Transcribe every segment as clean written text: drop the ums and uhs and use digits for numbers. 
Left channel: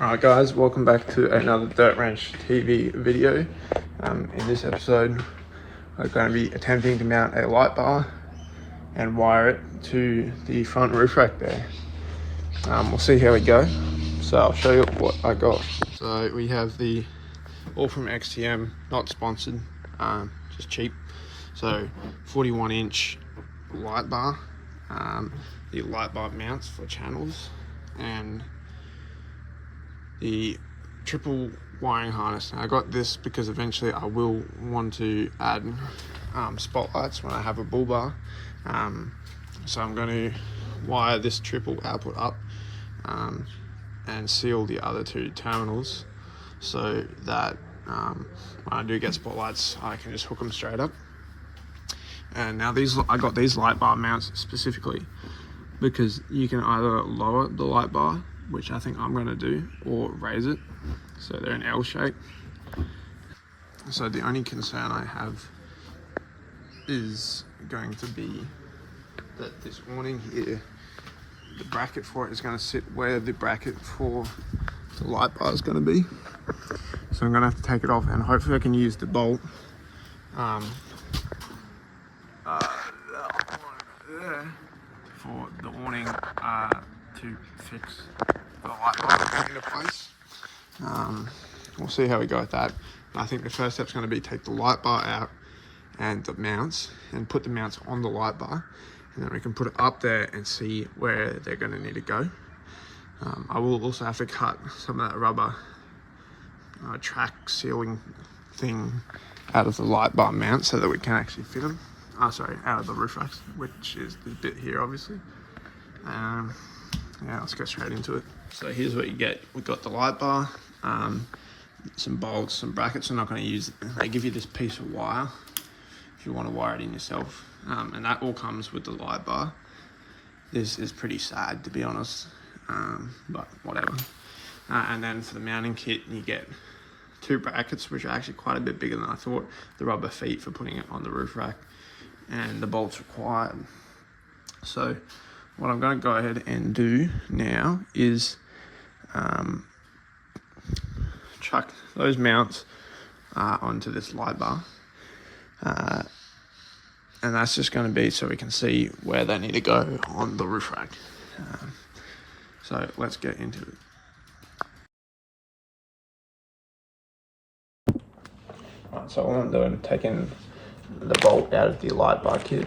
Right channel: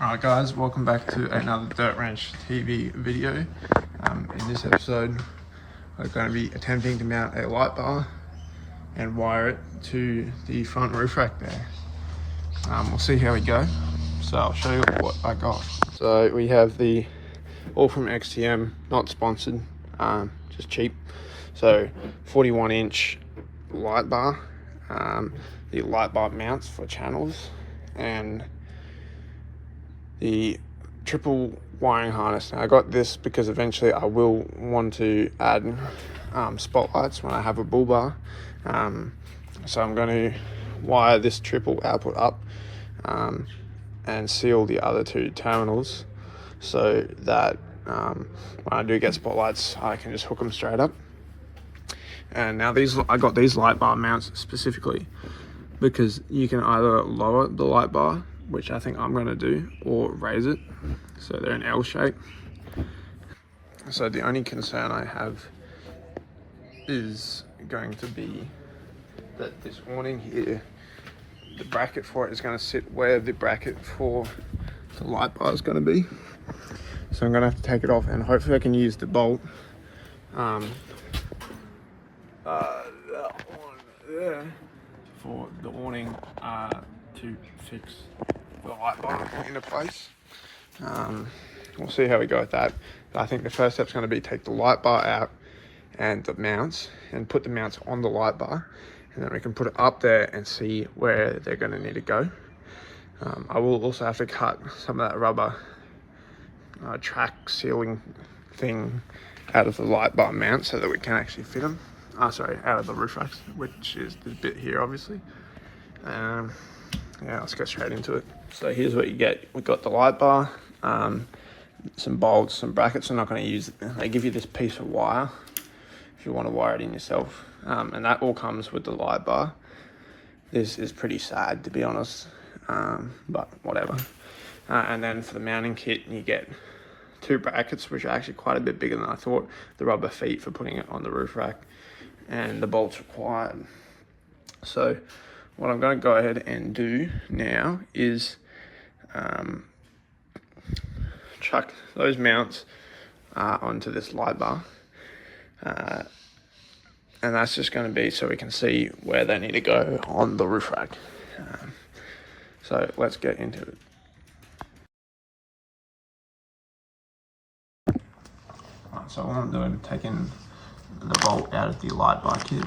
Alright guys, welcome back to another Dirt Ranch TV video. In this episode, we're going to be attempting to mount a light bar and wire it to the front roof rack there. We'll see how we go. So I'll show you what I got. So we have the all from XTM, not sponsored, just cheap. So 41-inch light bar, the light bar mounts for channels, and the triple wiring harness. Now I got this because eventually I will want to add spotlights when I have a bull bar. So I'm going to wire this triple output up and seal the other two terminals so that when I do get spotlights I can just hook them straight up. And now I got these light bar mounts specifically because you can either lower the light bar, which I think I'm going to do, or raise it, so they're an L shape. So the only concern I have is going to be that this awning here, the bracket for it is going to sit where the bracket for the light bar is going to be. So I'm going to have to take it off, and hopefully I can use the bolt that one there for the awning to fix the light bar into place. We'll see how we go with that. But I think the first step's going to be take the light bar out and the mounts and put the mounts on the light bar, and then we can put it up there and see where they're going to need to go. I will also have to cut some of that rubber track sealing thing out of the light bar mount so that we can actually fit them. Out of the roof racks, which is the bit here obviously. Yeah, let's go straight into it. So here's what you get. We've got the light bar, some bolts, some brackets. I'm not going to use it. They give you this piece of wire if you want to wire it in yourself, and that all comes with the light bar. This is pretty sad, to be honest, but whatever. And then for the mounting kit, you get two brackets, which are actually quite a bit bigger than I thought. The rubber feet for putting it on the roof rack, and the bolts required. So what I'm going to go ahead and do now is chuck those mounts onto this light bar, and that's just going to be so we can see where they need to go on the roof rack. So let's get into it. Alright, so what I'm doing is taking the bolt out of the light bar kit,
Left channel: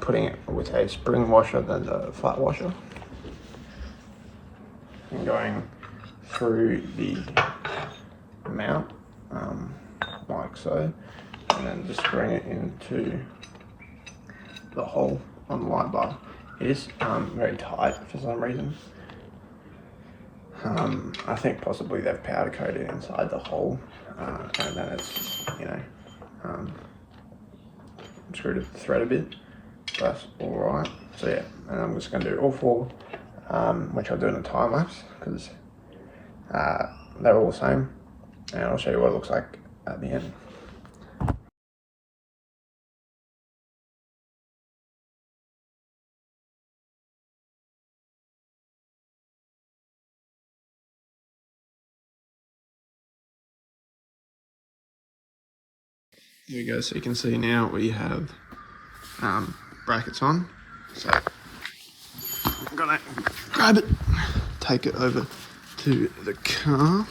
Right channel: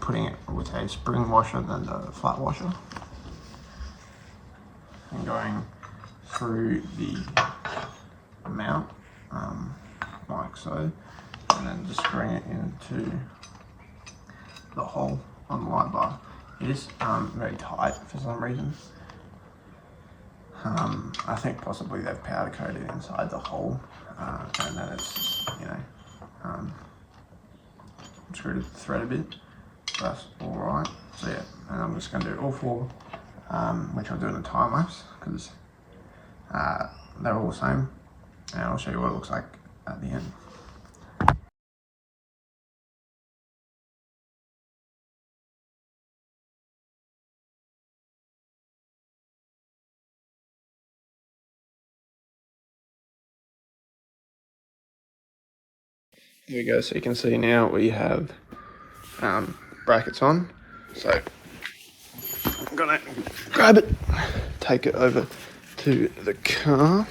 putting it with a spring washer than the flat washer, and going through the mount like so, and then just screwing it into the hole on the light bar. It is very tight for some reason. I think possibly they've powder coated inside the hole, and then it's just, screwed the thread a bit. That's all right. So yeah, and I'm just going to do all four, which I'll do in a time lapse because they're all the same, and I'll show you what it looks like at the end. Here we go. So you can see now we have brackets on. So I'm gonna grab it, take it over to the car,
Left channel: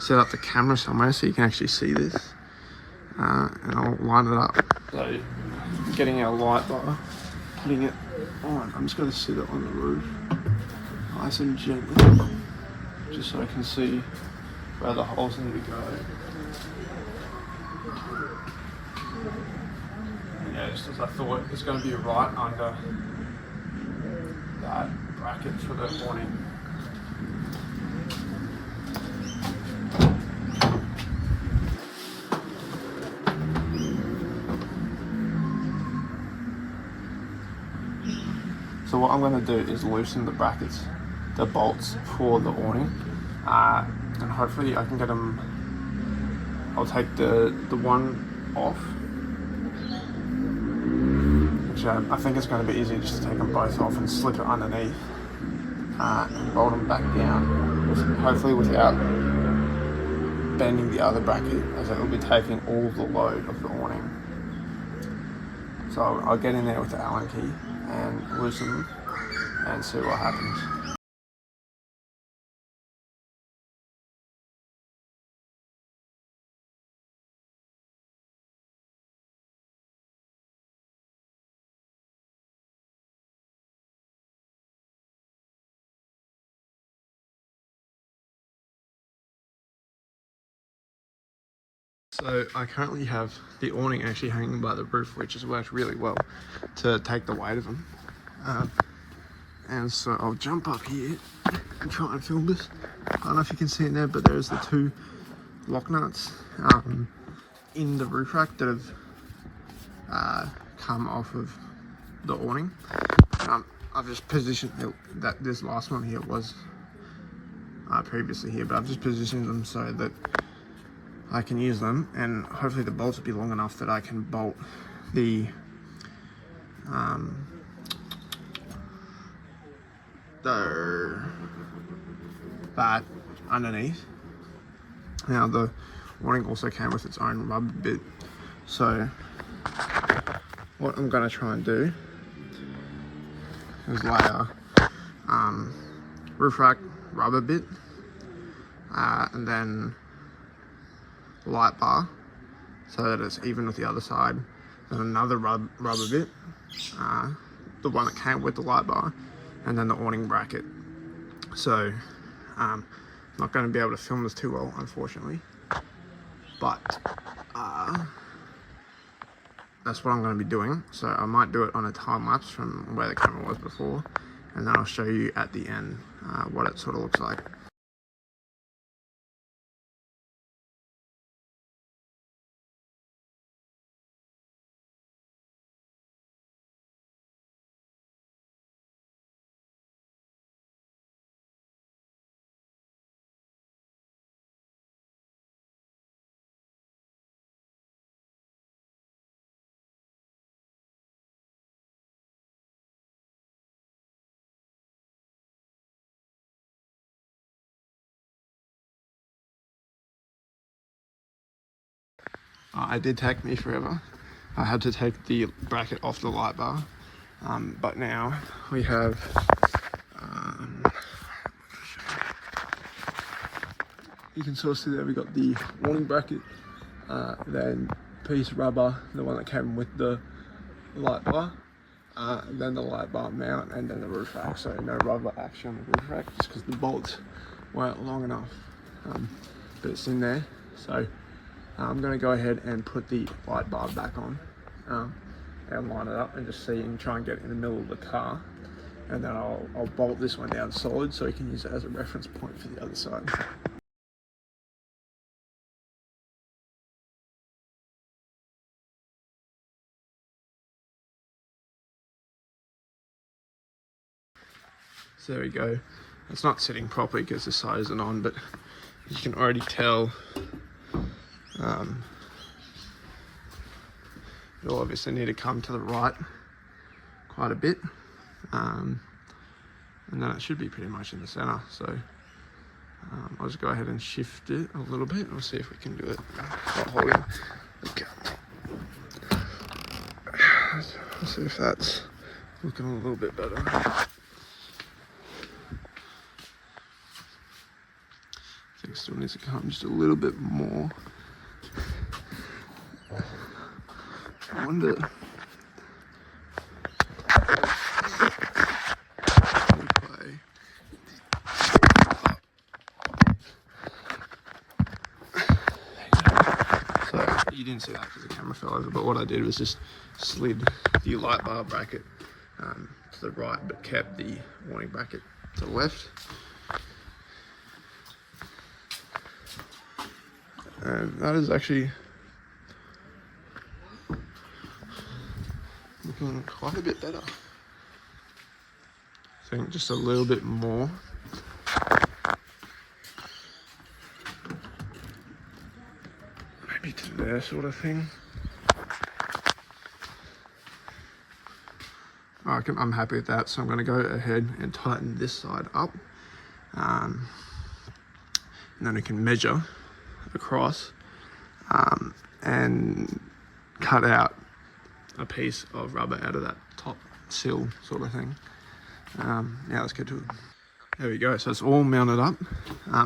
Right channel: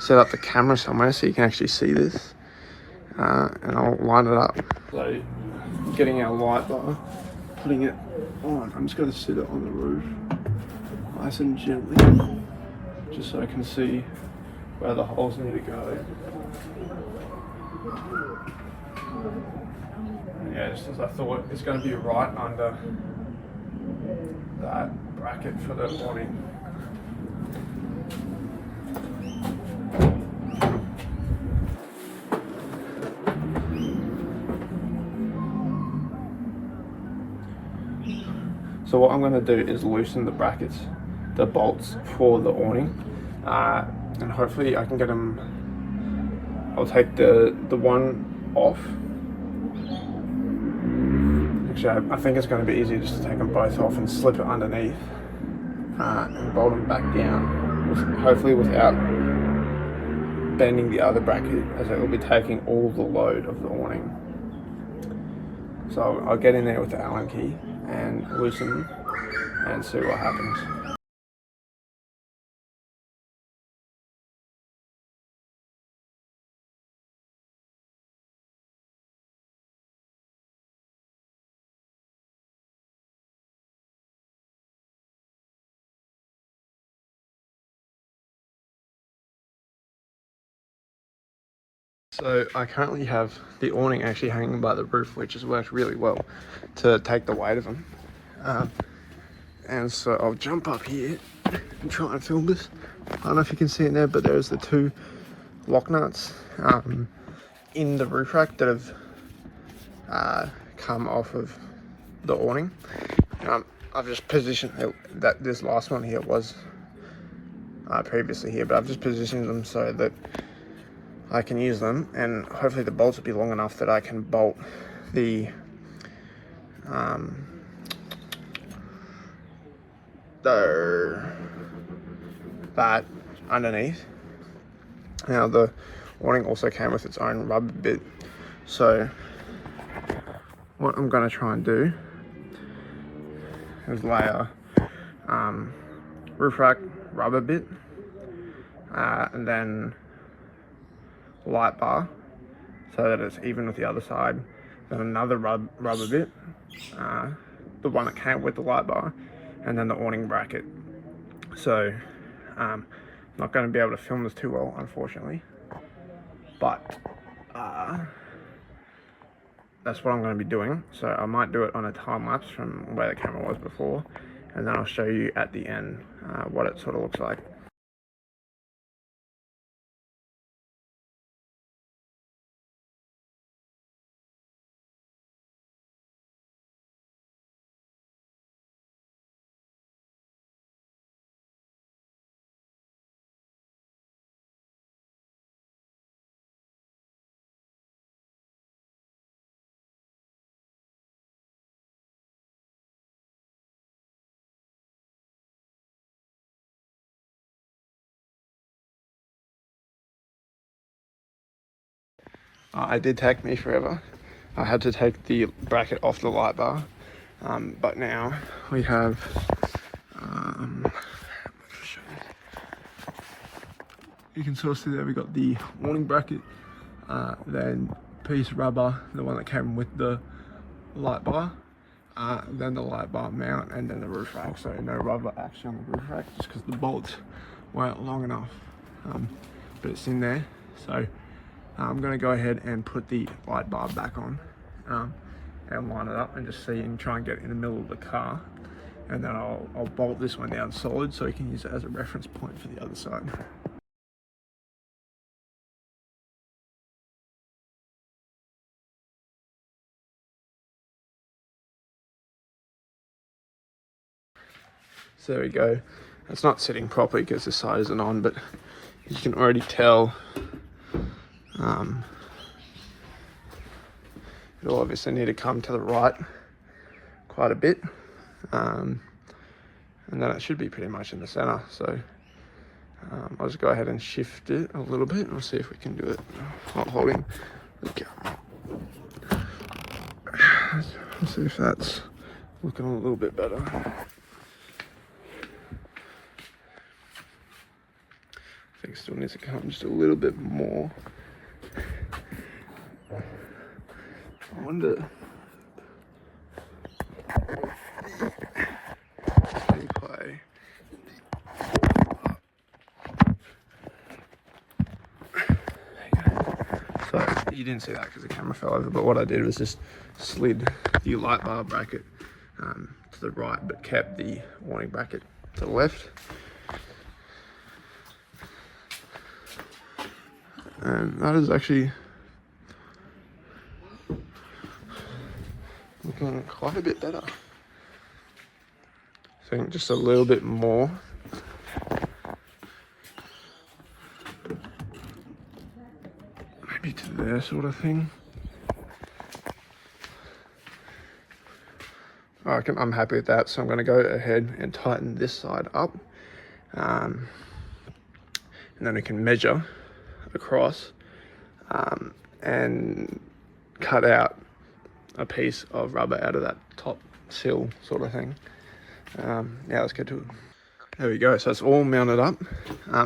set up the camera somewhere so you can actually see this, and I'll line it up. So getting our light bar, putting it on. I'm just going to sit it on the roof nice and gently, just so I can see where the holes need to go. Yeah, just as I thought, it's going to be right under that bracket for the awning. So what I'm going to do is loosen the brackets, the bolts for the awning, and hopefully I can get them. I'll take the one off, which I think it's going to be easy just to take them both off and slip it underneath, and bolt them back down, hopefully without bending the other bracket, as it will be taking all the load of the awning. So I'll get in there with the Allen key and loosen them and see what happens. So I currently have the awning actually hanging by the roof, which has worked really well to take the weight of them. And so I'll jump up here and try and film this. I don't know if you can see it there, but there's the two lock nuts in the roof rack that have come off of the awning. I've just positioned it, that this last one here was previously here, but I've just positioned them so that I can use them, and hopefully the bolts will be long enough that I can bolt the that underneath. Now the awning also came with its own rubber bit, so what I'm going to try and do is lay a roof rack rubber bit and then light bar so that it's even with the other side, then another rubber bit, the one that came with the light bar, and then the awning bracket. So I'm not going to be able to film this too well, unfortunately, but that's what I'm going to be doing. So I might do it on a time lapse from where the camera was before, and then I'll show you at the end what it sort of looks like. It did take me forever. I had to take the bracket off the light bar, but now we have you can sort of see that we got the awning bracket, then piece of rubber, the one that came with the light bar, then the light bar mount, and then the roof rack. So no rubber actually on the roof rack, just because the bolts weren't long enough, but it's in there. So I'm going to go ahead and put the light bar back on and line it up and just see and try and get it in the middle of the car, and then I'll bolt this one down solid so we can use it as a reference point for the other side. So there we go. It's not sitting properly because this side isn't on, but you can already tell it'll obviously need to come to the right quite a bit, and then it should be pretty much in the center. So I'll just go ahead and shift it a little bit and we'll see if we can do it while holding the camera. Let's see if that's looking a little bit better. I think it still needs to come just a little bit more. I wonder. So you didn't see that because the camera fell over, but what I did was just slid the light bar bracket to the right, but kept the awning bracket to the left. And that is actually looking quite a bit better. I think just a little bit more. Maybe to there sort of thing. I'm happy with that. So I'm going to go ahead and tighten this side up. And then we can measure across and cut out a piece of rubber out of that top sill sort of thing. Yeah, let's get to it. There we go, so it's all mounted up.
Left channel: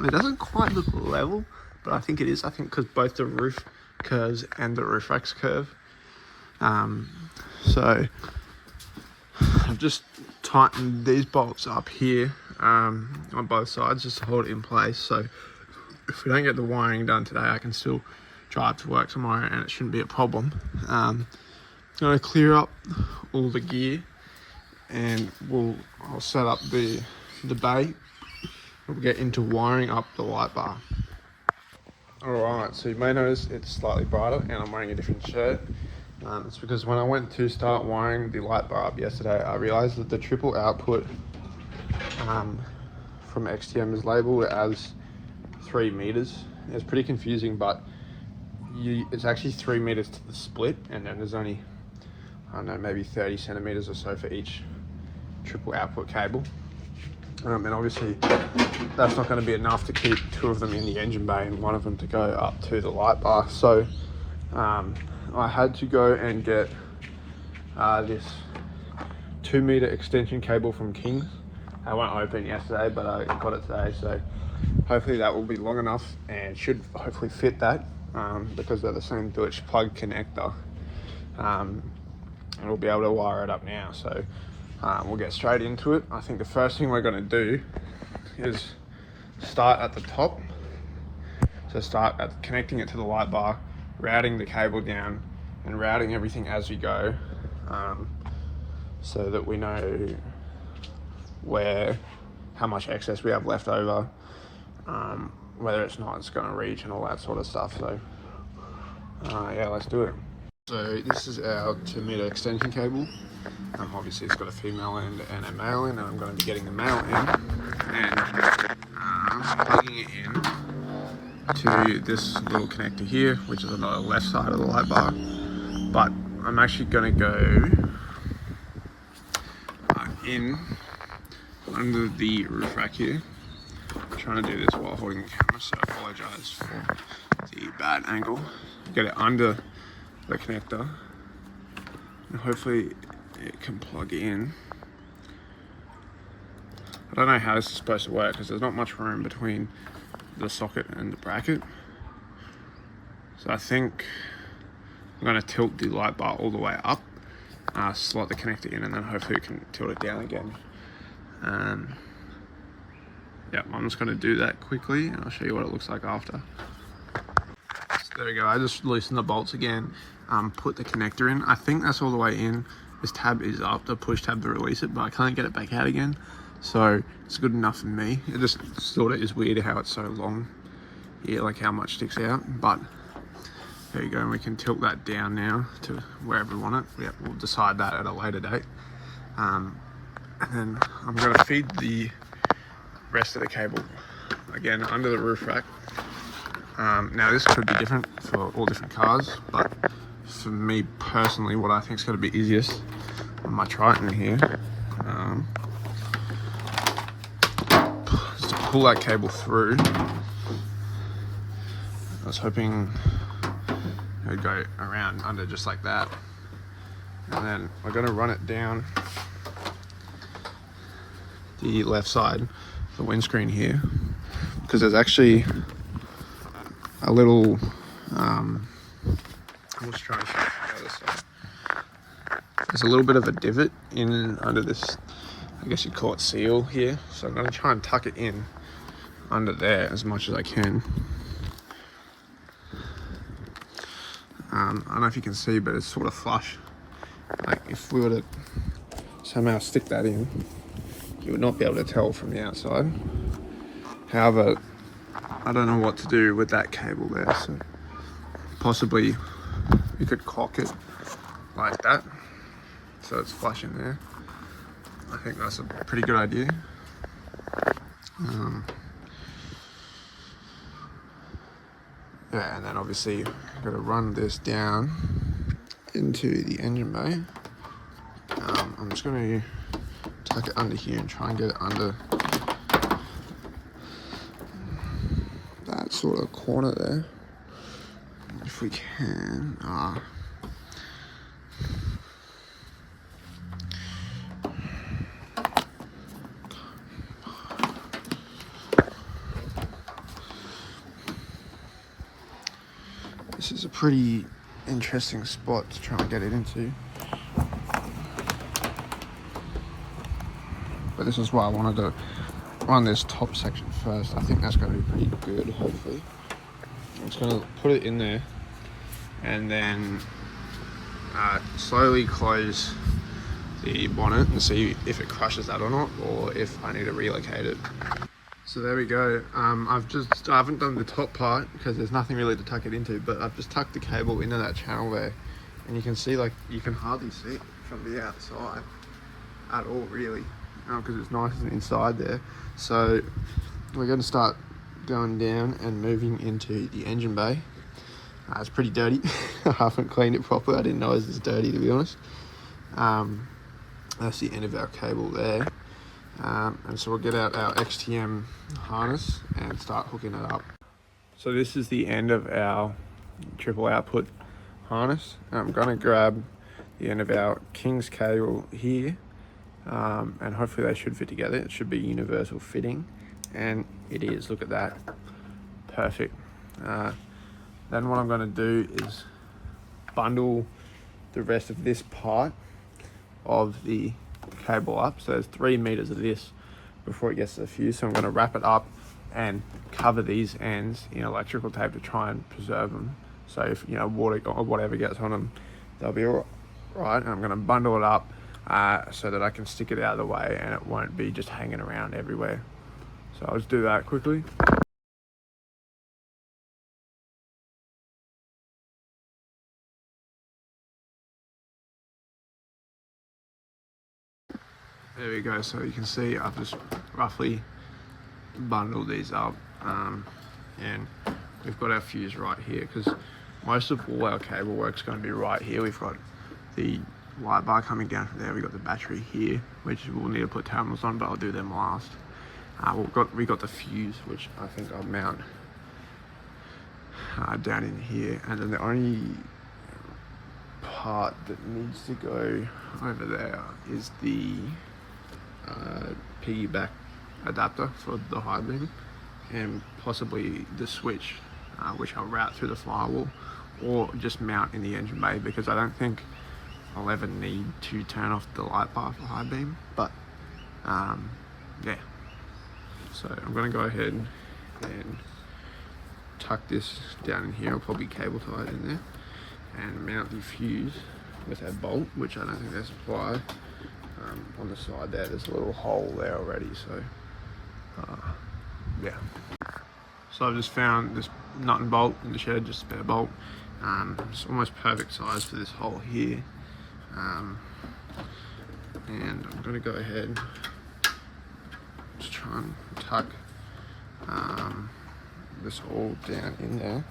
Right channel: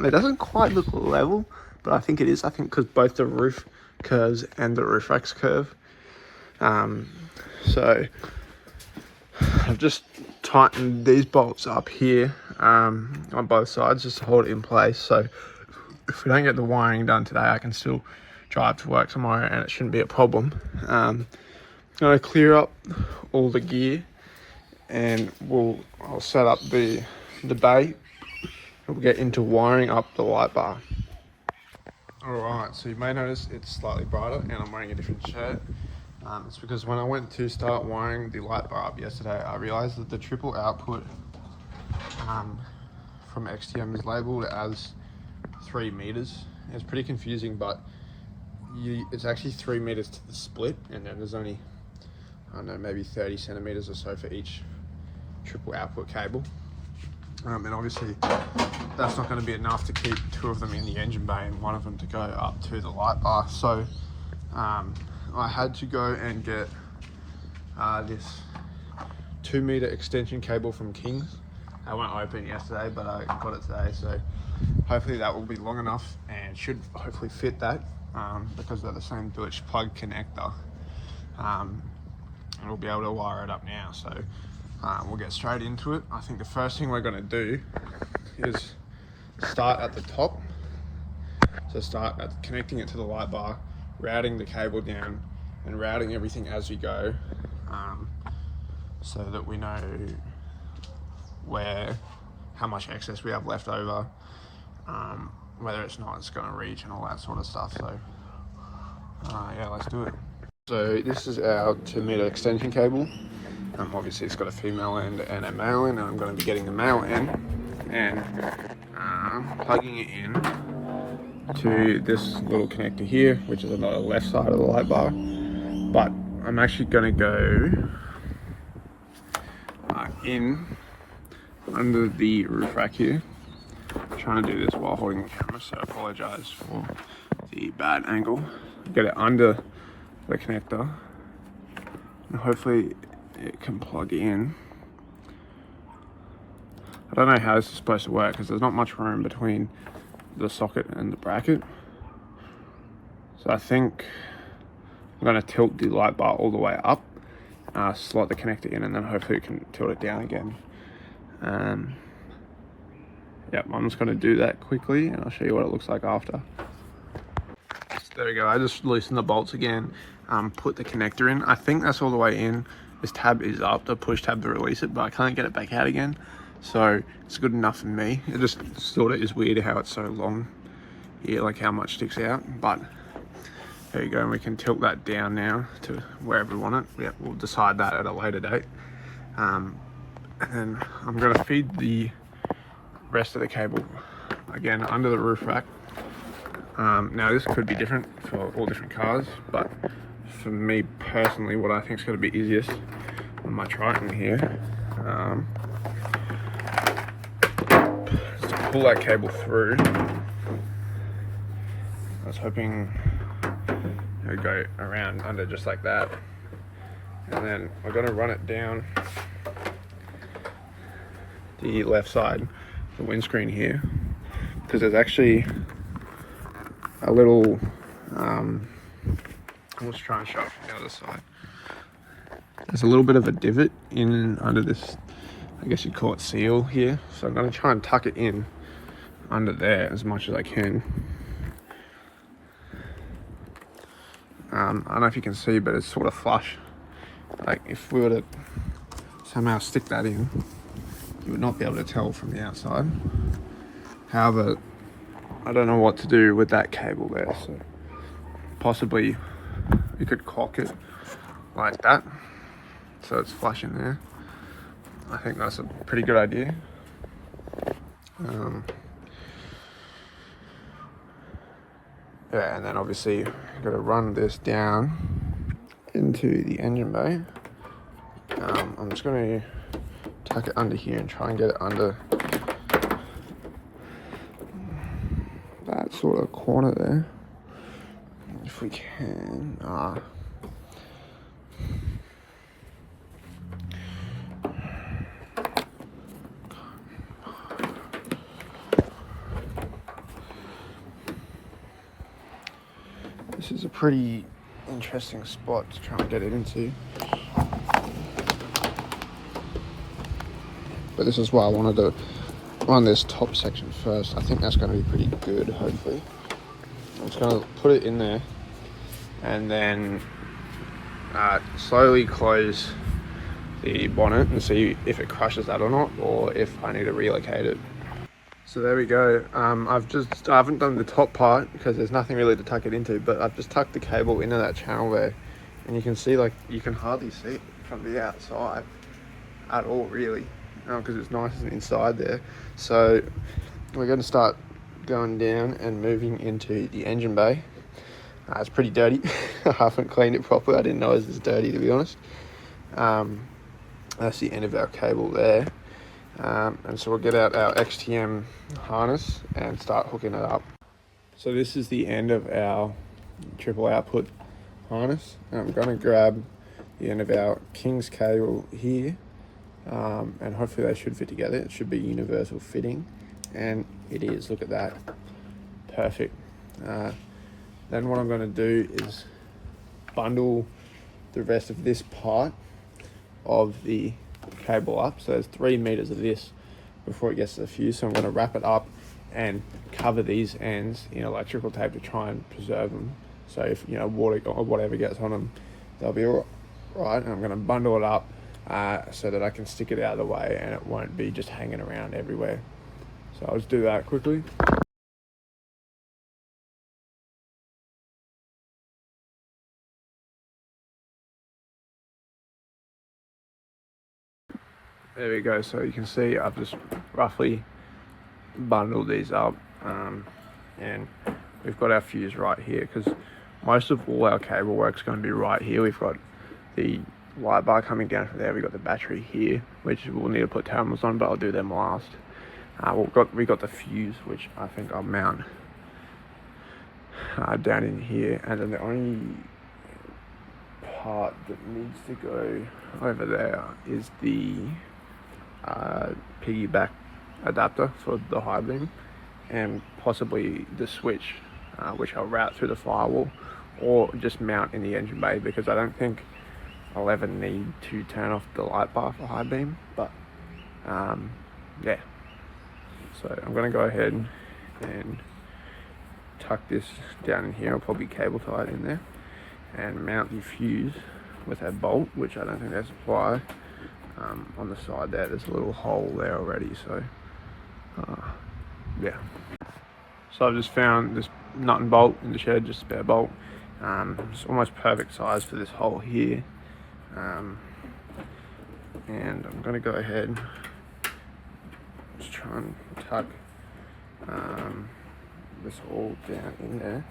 It doesn't quite look level, but I think it is. I think because both the roof curves and the roof racks curve. So I've just tightened these bolts up here on both sides just to hold it in place. So if we don't get the wiring done today, I can still drive to work tomorrow and it shouldn't be a problem. I'm going to clear up all the gear and I'll set up the bay. We'll get into wiring up the light bar. Alright, so you may notice it's slightly brighter and I'm wearing a different shirt. It's because when I went to start wiring the light bar up yesterday, I realized that the triple output from XTM is labeled as 3 meters. It's pretty confusing, but it's actually 3 meters to the split, and then there's only, I don't know, maybe 30 centimeters or so for each triple output cable. And obviously that's not going to be enough to keep 2 of them in the engine bay and 1 of them to go up to the light bar. So I had to go and get this 2 meter extension cable from King's. I won't open yesterday, but I got it today, so hopefully that will be long enough and should hopefully fit that because they're the same Deutsch plug connector. And we'll be able to wire it up now. So we'll get straight into it. I think the first thing we're going to do is start at the top. So start at connecting it to the light bar, routing the cable down and routing everything as we go, so that we know how much excess we have left over, whether it's going to reach and all that sort of stuff. So yeah, let's do it. So this is our 2 meter extension cable. Obviously it's got a female end and a male end, and I'm going to be getting the male end and plugging it in to this little connector here, which is on the left side of the light bar. But I'm actually going to go in under the roof rack here. I'm trying to do this while holding the camera, so I apologize for the bad angle. Get it under the connector and hopefully it can plug in. I don't know how this is supposed to work because there's not much room between the socket and the bracket. So I think I'm going to tilt the light bar all the way up, slot the connector in, and then hopefully it can tilt it down again. Yep, I'm just going to do that quickly and I'll show you what it looks like after. So there we go, I just loosened the bolts again, put the connector in. I think that's all the way in. This tab is up, the push tab to release it, but I can't get it back out again. So it's good enough for me. It just sort of is weird how it's so long here, like how much sticks out. But there you go, and we can tilt that down now to wherever we want it. Yeah, we'll decide that at a later date. And then I'm going to feed the rest of the cable again under the roof rack. Now this could be different for all different cars, but for me personally, what I think is going to be easiest on my Triton here is to pull that cable through. I was hoping it would go around under just like that, and then we're going to run it down the left side, the windscreen here, because there's actually a little I was trying to show you this one. There's a little bit of a divot in under this, I guess you'd call it seal here. So I'm going to try and tuck it in under there as much as I can. I don't know if you can see, but it's sort of flush. Like if we were to somehow stick that in, you would not be able to tell from the outside. However, I don't know what to do with that cable there, so possibly you could cock it like that so it's flush in there. I think that's a pretty good idea. Yeah, and then obviously I'm going to run this down into the engine bay. I'm I'm just going to tuck it under here and try and get it under that sort of corner there. If we can. This is a pretty interesting spot to try and get it into. But this is why I wanted to run this top section first. I think that's going to be pretty good, hopefully. I'm just going to put it in there and then slowly close the bonnet and see if it crushes that or not, or if I need to relocate it. So there we go. I haven't done the top part because there's nothing really to tuck it into, but I've just tucked the cable into that channel there, and you can see, like, you can hardly see it from the outside at all, really, because it's nice and inside there. So we're going to start going down and moving into the engine bay. It's pretty dirty. I haven't cleaned it properly. I didn't know it was this dirty, to be honest. That's the end of our cable there. And so we'll get out our XTM harness and start hooking it up. So this is the end of our triple output harness. I'm going to grab the end of our King's cable here, and hopefully they should fit together. It should be universal fitting, and it is. Look at that. Perfect. Then what I'm going to do is bundle the rest of this part of the cable up. So there's 3 meters of this before it gets to the fuse. So I'm going to wrap it up and cover these ends in electrical tape to try and preserve them. So if, you know, water or whatever gets on them, they'll be all right. And I'm going to bundle it up so that I can stick it out of the way and it won't be just hanging around everywhere. So I'll just do that quickly. There we go. So you can see I've just roughly bundled these up, and we've got our fuse right here, because most of all our cable work's going to be right here. We've got the light bar coming down from there. We've got the battery here, which we'll need to put terminals on, but I'll do them last. We got the fuse, which I think I'll mount down in here, and then the only part that needs to go over there is the piggyback adapter for the high beam, and possibly the switch, which I'll route through the firewall or just mount in the engine bay, because I don't think I'll ever need to turn off the light bar for high beam. But yeah, so I'm going to go ahead and tuck this down in here. I'll probably cable tie it in there and mount the fuse with that bolt, which I don't think they supply. On the side there's a little hole there already, so yeah. So I've just found this nut and bolt in the shed, just a spare bolt. It's almost perfect size for this hole here, and I'm going to go ahead just try and tuck this all down in there.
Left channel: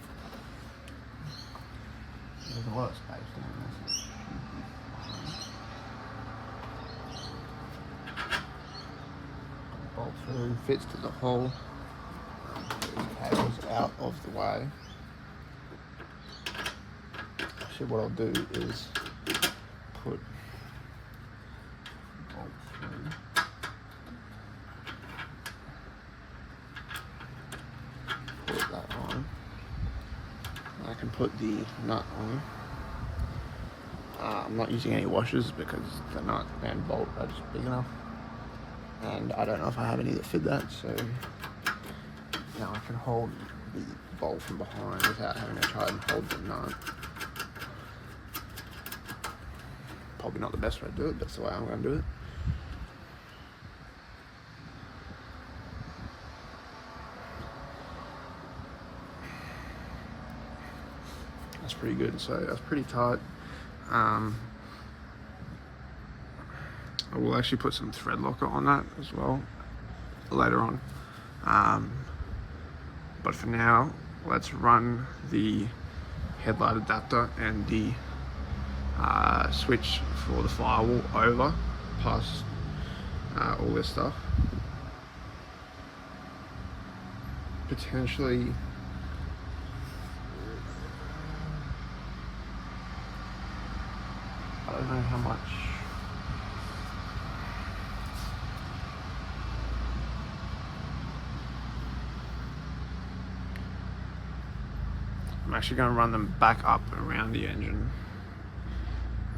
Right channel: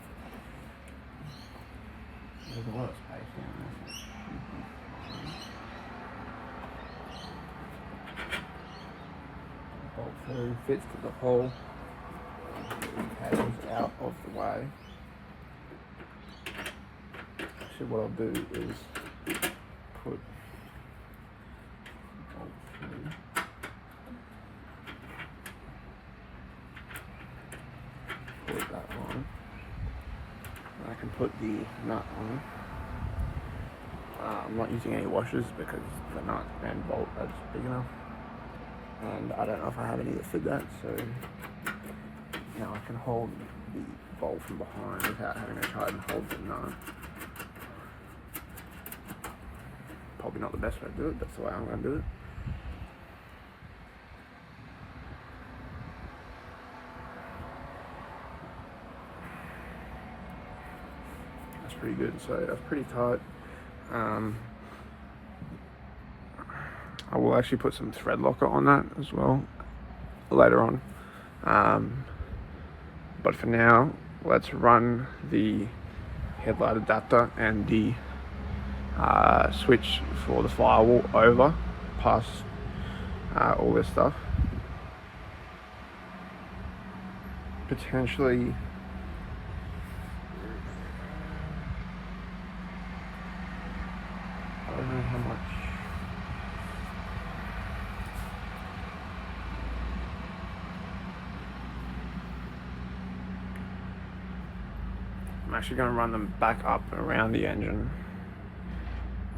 There's a lot of space down there. Bolt through, fits to the hole. These cables out of the way. Actually, what I'll do is put the bolt through. Put that on. And I can put the nut on. I'm not using any washers because the nut and bolt are just big enough. And I don't know if I have any that fit that, so now I can hold the bolt from behind without having to try and hold the nut. Probably not the best way to do it, but that's the way I'm going to do it. That's pretty good, so that's pretty tight. I will actually put some thread locker on that as well later on. But for now, let's run the headlight adapter and the switch for the firewall over past all this stuff. Potentially I don't know how much. I'm actually going to run them back up and around the engine,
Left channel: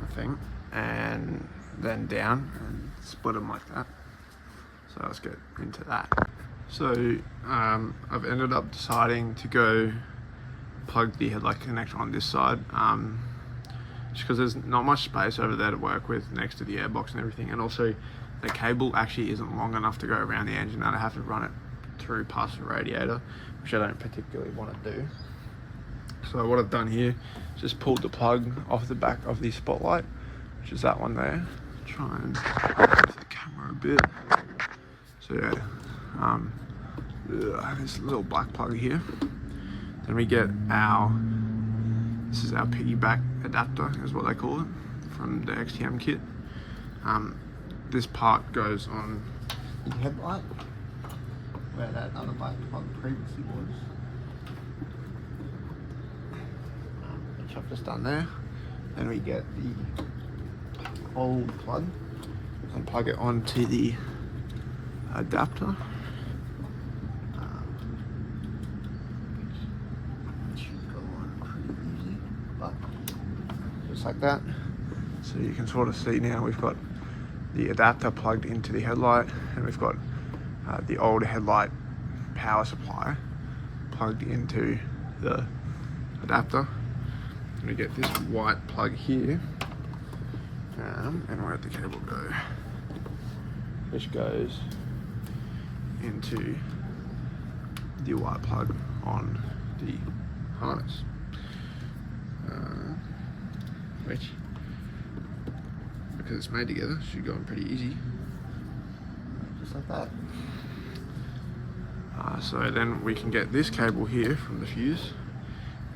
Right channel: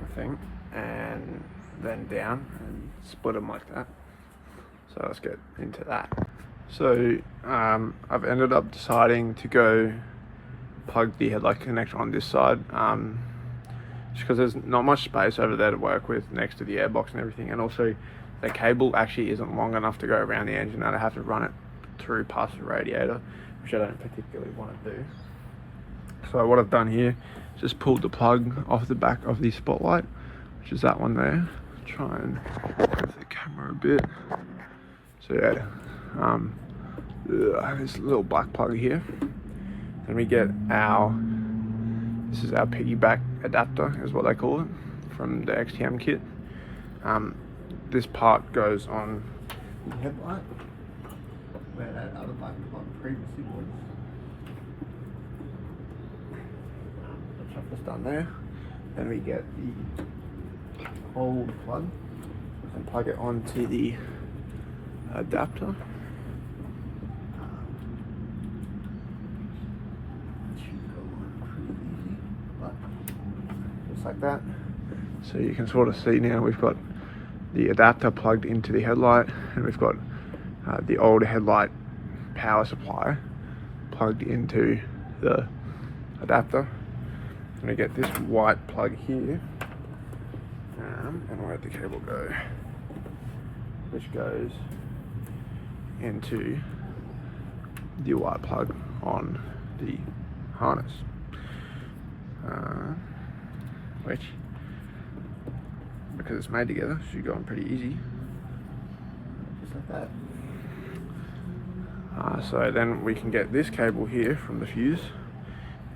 I think, and then down and split them like that. So let's get into that. So I've ended up deciding to go plug the headlight connector on this side, just because there's not much space over there to work with next to the airbox and everything, and also the cable actually isn't long enough to go around the engine, and I have to run it through past the radiator, which I don't particularly want to do. So what I've done here is just pulled the plug off the back of the spotlight, which is that one there. Try and move the camera a bit. So yeah, this little black plug here. Then we get this is our piggyback adapter, is what they call it, from the XTM kit. This part goes on the headlight, where that other black plug previously was. Which I've just done there. Then we get the old plug and plug it onto the adapter. It should go on pretty easy, but just like that. So you can sort of see now we've got the adapter plugged into the headlight, and we've got the old headlight power supply plugged into the adapter. And we get this white plug here, and where'd the cable go? Which goes into the white plug on the harness, which, because it's made together, should go on pretty easy, just like that. So then we can get this cable here from the fuse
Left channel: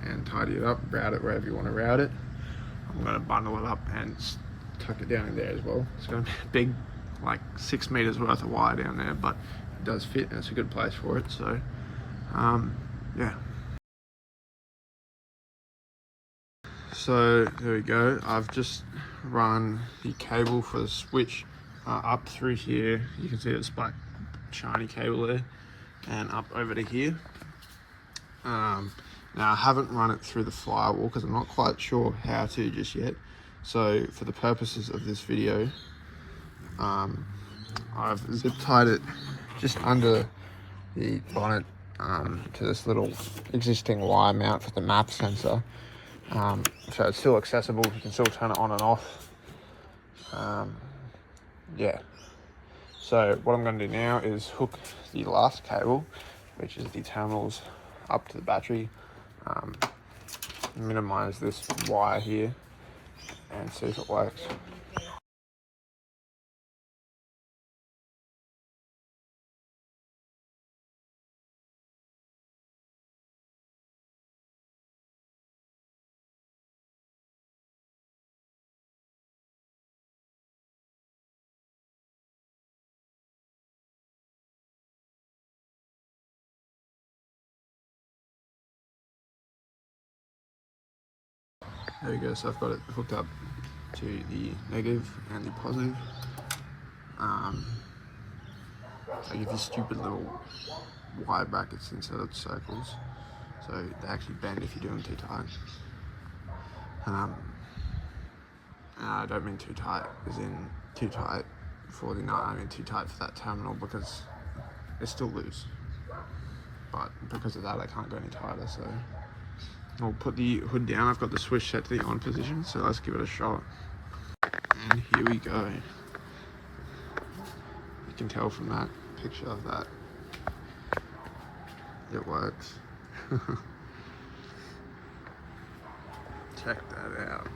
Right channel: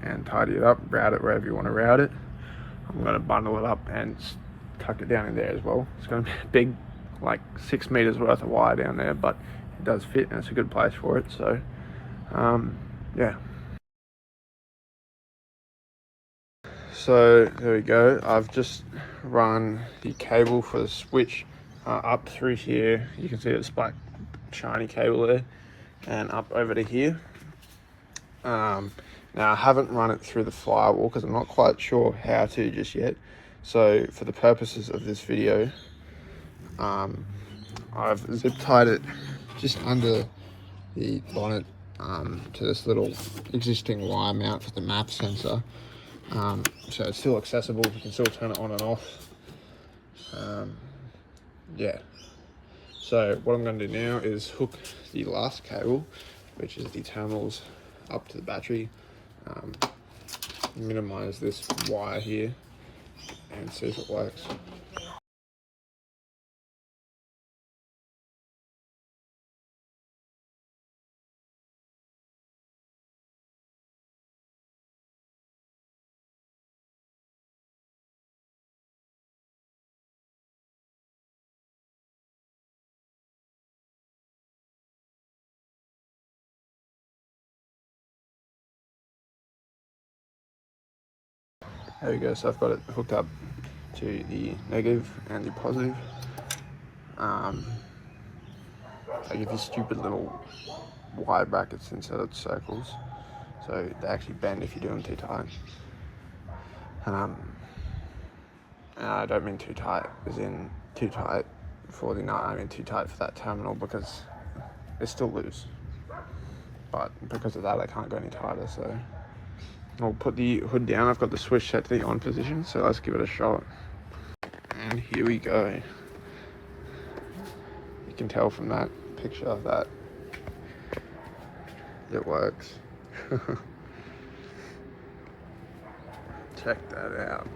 and tidy it up, route it wherever you want to route it. I'm going to bundle it up and tuck it down in there as well. It's going to be a big, like 6 meters worth of wire down there, but it does fit and it's a good place for it. So yeah. So there we go. I've just run the cable for the switch up through here. You can see it's black shiny cable there, and up over to here. Now I haven't run it through the firewall because I'm not quite sure how to just yet. So for the purposes of this video, I've zip tied it just under the bonnet to this little existing wire mount for the map sensor. So it's still accessible, you can still turn it on and off. Yeah. So what I'm going to do now is hook the last cable, which is the terminals, up to the battery, minimize this wire here and see if it works. There we go, so I've got it hooked up to the negative and the positive. I give these stupid little wire brackets instead of circles, so they actually bend if you do them too tight. And I don't mean too tight as in too tight for the nut, I mean too tight for that terminal, because it's still loose. But because of that, I can't go any tighter, so I'll put the hood down. I've got the switch set to the on position, so let's give it a shot. And here we go. You can tell from that picture that it works. Check that out.